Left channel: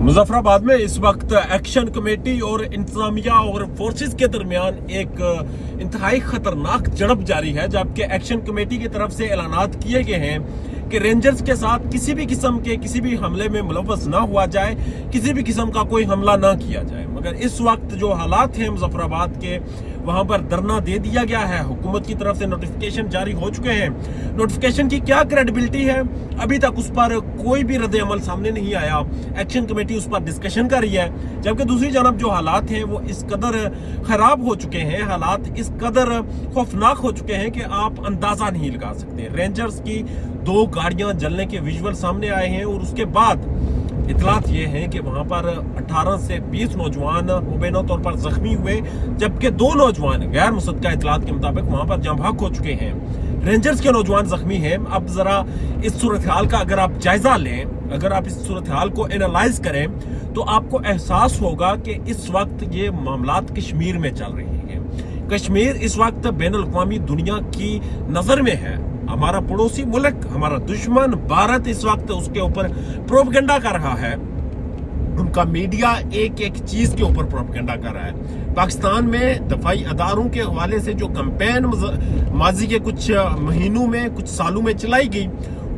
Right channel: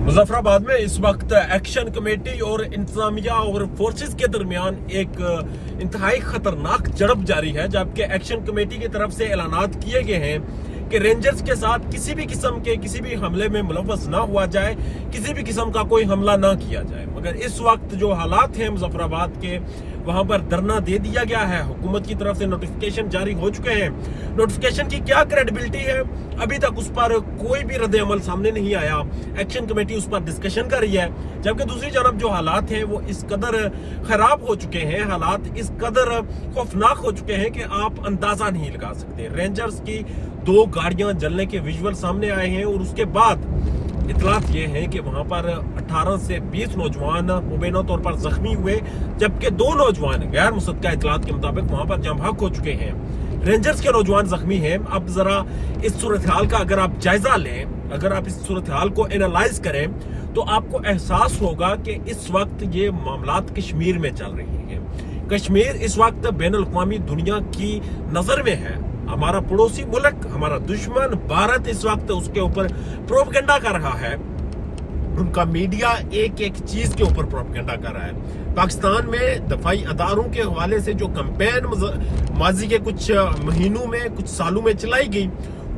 मुजफ्फराबाद में इस वक्त एक्शन कमेटी और इंतजामिया और फोर्सेस के दरमियान एक इंतहाई खतरनाक झड़प जारी है, जबकि एक्शन कमेटी की तरफ से ऐलानात किए गए हैं कि रेंजर्स के साथ किसी भी किस्म के किसी भी हमले में मुलव्वस ना हुआ जाए, किसी भी किस्म का कोई हमला ना किया जाए। मगर इस वक्त जो हालात हैं मुजफ्फराबाद के, वहां पर धरना दे दिया गया है, हुकूमत की तरफ से नोटिफिकेशन जारी हो चुके हैं। नोटिफिकेशन की क्या क्रेडिबिलिटी है, अभी तक उस पर कोई भी रद्द अमल सामने नहीं आया। एक्शन कमेटी उस पर डिस्कशन कर रही है, जबकि दूसरी जानब जो हालात हैं वो इस कदर खराब हो चुके हैं, हालात इस कदर खौफनाक हो चुके हैं कि आप अंदाजा नहीं लगा सकते। रेंजर्स की 2 गाड़ियां जलने के विजुअल सामने आए हैं और उसके बाद इतलात ये है कि वहां पर 18 से 20 नौजवान मुबैना तौर पर जख्मी हुए, जबकि 2 नौजवान गैर मुसद्दका इतलात के मुताबिक वहां पर जम भाग हो चुके हैं। रेंजर्स के नौजवान जख्मी हैं। अब जरा इस सूरत हाल का अगर आप जायजा लें, अगर आप इस सूरत हाल को एनालाइज करें, तो आपको एहसास होगा कि इस वक्त ये मामलात कश्मीर में चल रहे हैं। कश्मीर इस वक्त बैन अल-अक़वामी दुनिया की नजर में है। हमारा पड़ोसी मुल्क, हमारा दुश्मन भारत इस वक्त उसके ऊपर प्रोपेगेंडा कर रहा है। उनका मीडिया एक एक चीज के ऊपर प्रोपेगेंडा कर रहा है। पाकिस्तान में दफाई अदारों के हवाले से जो कैंपेन माजी के कुछ महीनों में, कुछ सालों में चलाई गई,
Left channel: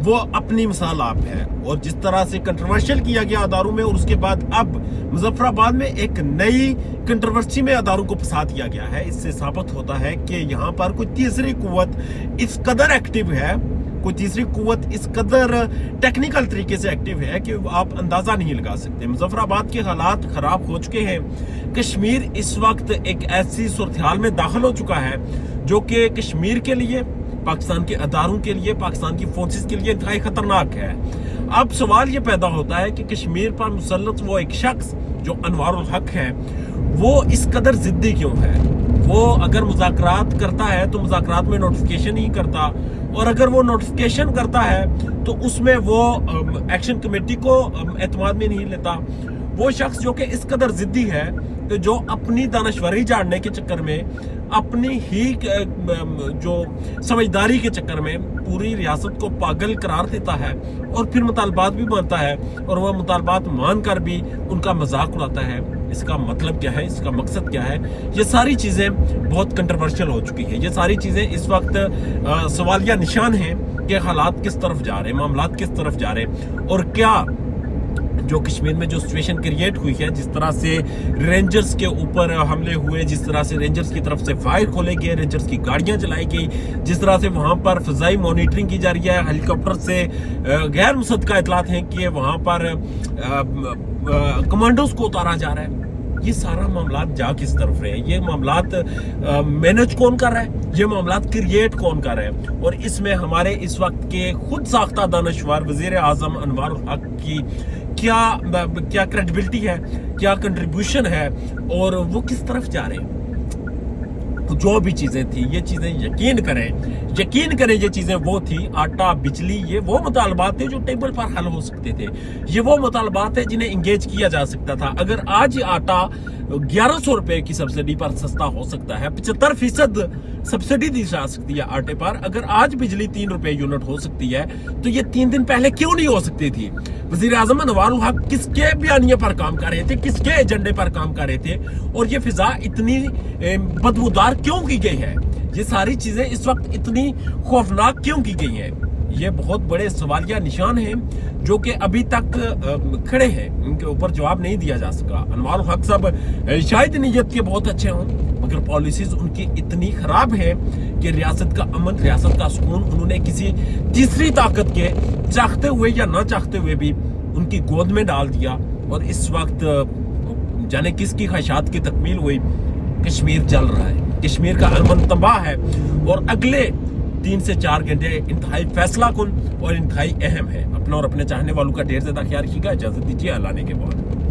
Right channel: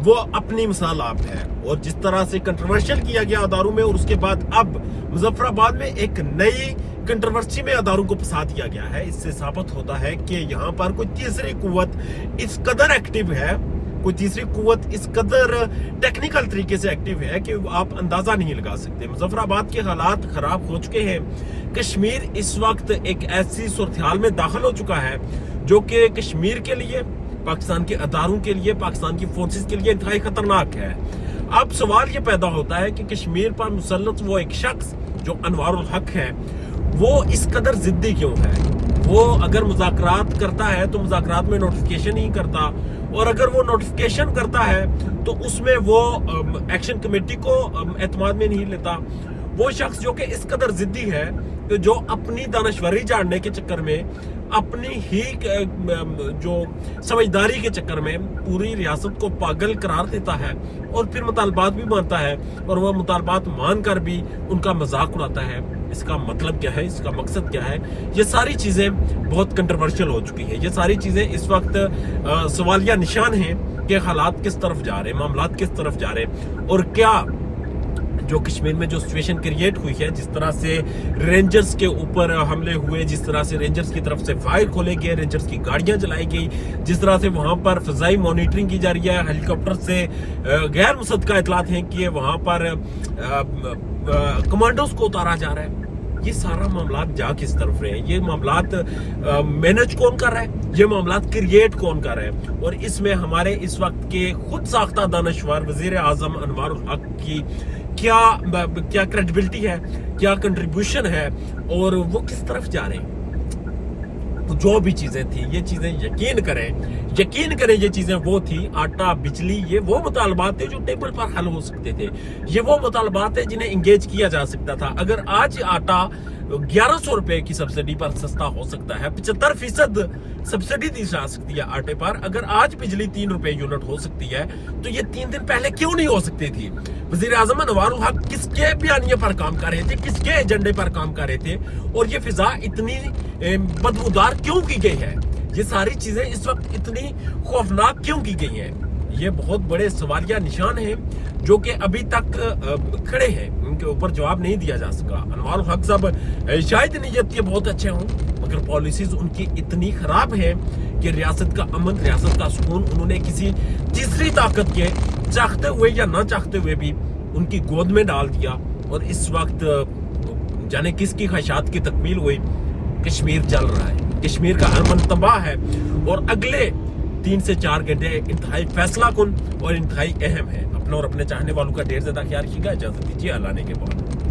वो अपनी मिसाल आप है। और जिस तरह से कंट्रोवर्शियल किया गया अदारों में, और उसके बाद अब मुजफ्फराबाद में एक नई कंट्रोवर्सी में अदारों को फंसा दिया गया है। इससे साबित होता है कि यहाँ पर कोई तीसरी कुव्वत इस कदर एक्टिव है, कोई तीसरी कुव्वत इस कदर टेक्निकल तरीके से एक्टिव है कि आप अंदाजा नहीं लगा सकते। मुजफ्फराबाद के हालात खराब हो चुके हैं। कश्मीर इस वक्त एक ऐसी सूरत-ए-हाल में दाखिल हो चुका है जो कि कश्मीर के लिए, पाकिस्तान के अदारों के लिए, पाकिस्तान की फोर्सेस के लिए इंतहाई खतरनाक है। अब सवाल ये पैदा होता है कि कश्मीर पर मुसल्लत वो एक शख्स जो अनवारुल हक है, वो इस कदर जिद्दी क्यों है? वो अगर मुज़ाकरात करता है तो मुज़ाकरात में नोटिफिकेशन ही करता, और अगर वो नोटिफिकेशन करता है तो उसमें वो एक्शन कमेटी को एतमाद में नहीं लेता। वो शख्स जो कि इस कदर जिद्दी है कि जो अपनी दानश्वरी जानने के चक्कर में, अपनी ही जो समझदारी के चक्कर में पूरी रियासत को पागल करार देता है और फिर मुतालबात भी मानता है, और वह मुतालबात मानकर भी उनका मजाक उड़ाता है। इसका मतलब क्या है, इसका मकसद क्या है? ये सारी चीज़ें बहुत कंट्रोवर्शियल हो चुकी है। ये सारी चीज़ें इस वक्त सवालिया निशान हैं कि हालात किस तरफ जा रहे हैं, मामलात किस तरफ जा रहे हैं, और क्या जो कश्मीर में जो सिचुएशन क्रिएट हुई है, जिस तरह से रेंजर्स के ऊपर हमले हुए, जिस तरह से रेंजर्स की तरफ से फायर खोले गए, रेंजर्स की गाड़ियां जलाई गई, जिस तरह से वहां पर फजाई मॉनिटरिंग की जा रही है, हेलीकॉप्टर से गैर मुसद्दका इतलात हैं कि वहां पर कमांडोज को उतारा जा रहा है। ये सारा मामलात जा किस तरफ रहे हैं? ये मामलात मैनेज कौन कर रहा है? ये मामलात क्रिएट कौन कर रहा है? और इसमें हमारे इस वक्त के खुद साख्ता दानश्वर वजीर आजम अनवारुल हक की क्या क्रेडिबिलिटी है, क्या कंट्रीब्यूशन है, और वो किस तरफ जा रहे हैं? तो जो भी चीजें थी, ये चीजें यकीन करें ये चीजें वो थी, आटा बिजली, ये वो मुतालबात थे जो टेबल पर हल हो सकते थे। ये वो मुतालबात थे जिन्हें इंगेज किया जा सकता था। अगर आज आटा 1100 रुपए की सब्सिडी पर सस्ता हो सकता है, 75% सब्सिडी दी जा सकती है आटे पर, अगर आज बिजली 3 रुपए यूनिट हो सकती है, तो ये 3 दिन पहले क्यों नहीं हो सकती थी? वजीर आजम अनवारुल हक किसके बयानिए पर काम कर रहे थे, किसके एजेंडे पर काम कर रहे थे, और ये फिजा इतनी बदबूदार क्यों की गई है? ये सारी चीजें इस वक्त इतनी खौफनाक क्यों की गई हैं? ये बहुत बड़े सवालिया निशान हैं जो कि अभी तक खड़े हैं, उनके ऊपर जवाब नहीं दिया जा सका। अनवारुल हक साहब शायद नीयत के बहुत अच्छे हों, मगर पॉलिसीज उनकी इतनी खराब है कि रियासत का अमन, रियासत का सुकून उन्होंने किसी तीसरी ताकत के चाहते हुए या ना चाहते हुए भी उनकी गोद में डाल दिया। और इस वक्त जाने किसकी ख्वाहिशात की तकमील हुई, कश्मीर जल रहा है, कश्मीर का अमन तबाह है, और अगले 3 से 4 घंटे इंतहाई फैसला कुन और इंतहाई अहम है। अपना और अपने चाहने वालों का ढेर ज्यादा ख्याल रखिएगा। इजाजत दीजिए, अल्लाह ने के बाद।